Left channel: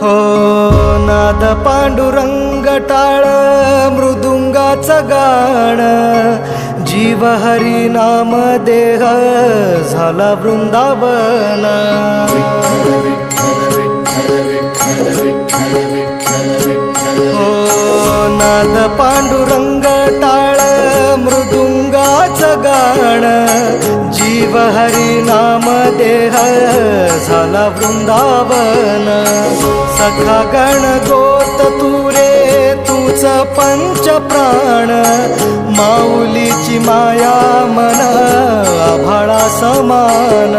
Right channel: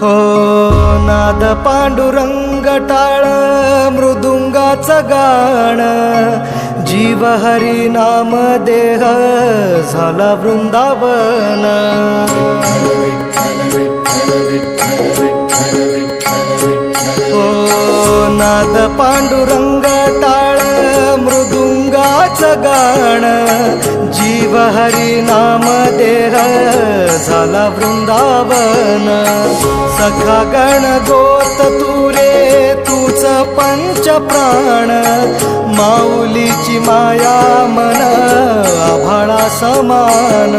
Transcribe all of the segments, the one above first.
हो नाद पांडुरंग टाळ मृदुंगाचं गाण, जीव हरी नाम देह झाला वृंदावन. हो नाद पांडुरंग टाळ मृदुंगाचं गाण, जीव हरी नाम देह झाला वृंदावन. सखा गण गोत तू रे तूच पंच प्राण, माऊलीची माया मन आभाळा समान.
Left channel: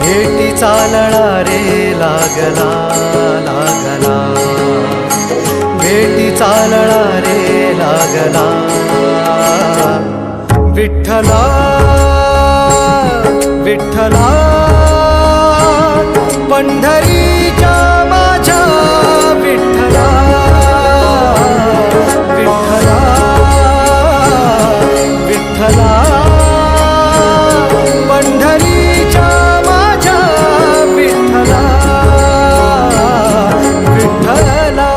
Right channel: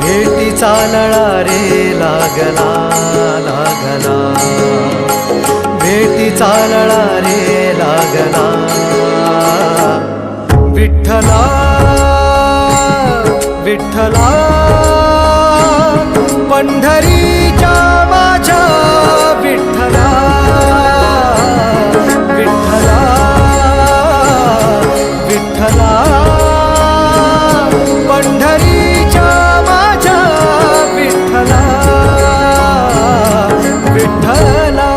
भेटी चालळा रे लागला लागला, भेटी चालळा रे लागला. विठ्ठला विठ्ठला पंढरीच्या माझ्या विठ्ठला, विठ्ठला विठ्ठला पंढरीच्या माझ्या विठ्ठला, विठ्ठला.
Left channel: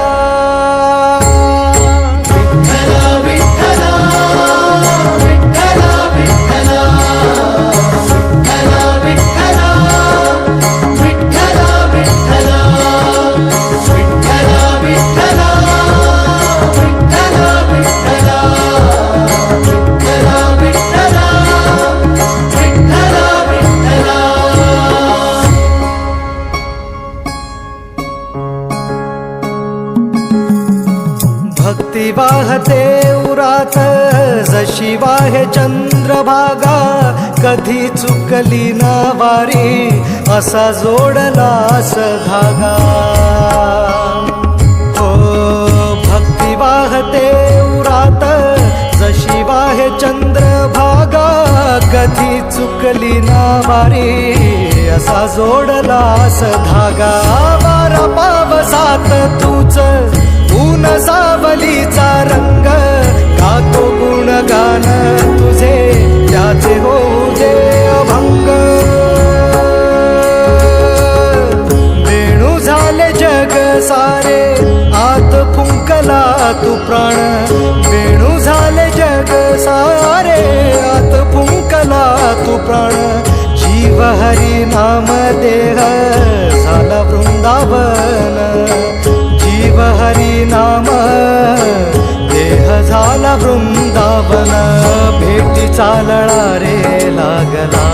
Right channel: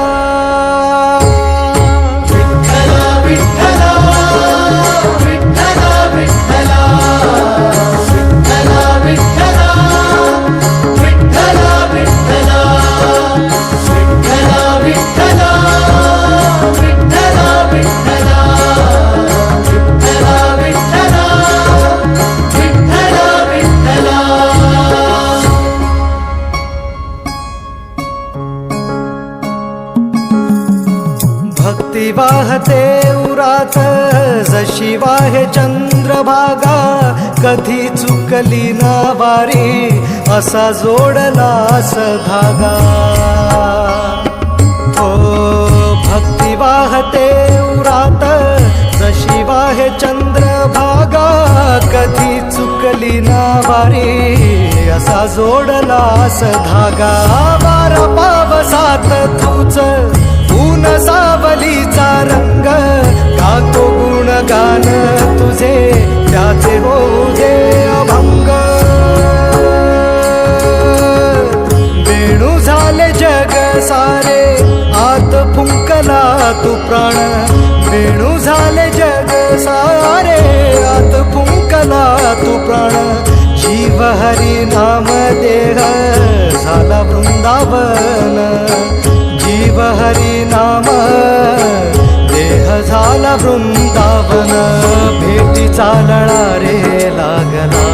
भक्ती वाहते उरात जशी वाहे चंद्रभागा, कधी चुकली ना वारी असा जोडलास धागा. हो भक्ती वाहते उरात जशी वाहे चंद्रभागा, कधी चुकली ना वारी असा जोडलास धागा. वारा पावसात तूच ऊन सावलीचा रंग, गातो गुणगान तुझे त्याचे होऊ दे अभंग. वेणू झाले जग सारे आत फुंकला तू प्राण, वेणू झाले जग सारे आत फुंकला तू प्राण. जीव हरी नाम देह झाला वृंदावन, जीव हरी नाम देह झाला वृंदावन. भेटी चालळा रे लागला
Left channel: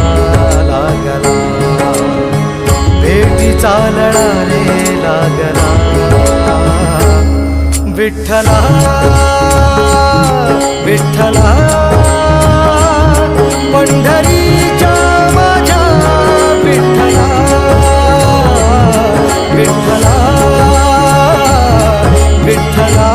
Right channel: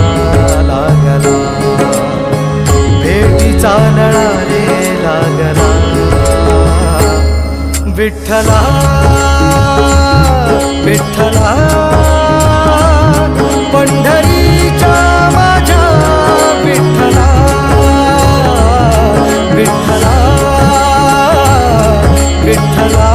लागला, भेटी चालळा रे लागला. विठ्ठला विठ्ठला पंढरीच्या माझ्या विठ्ठला, विठ्ठला विठ्ठला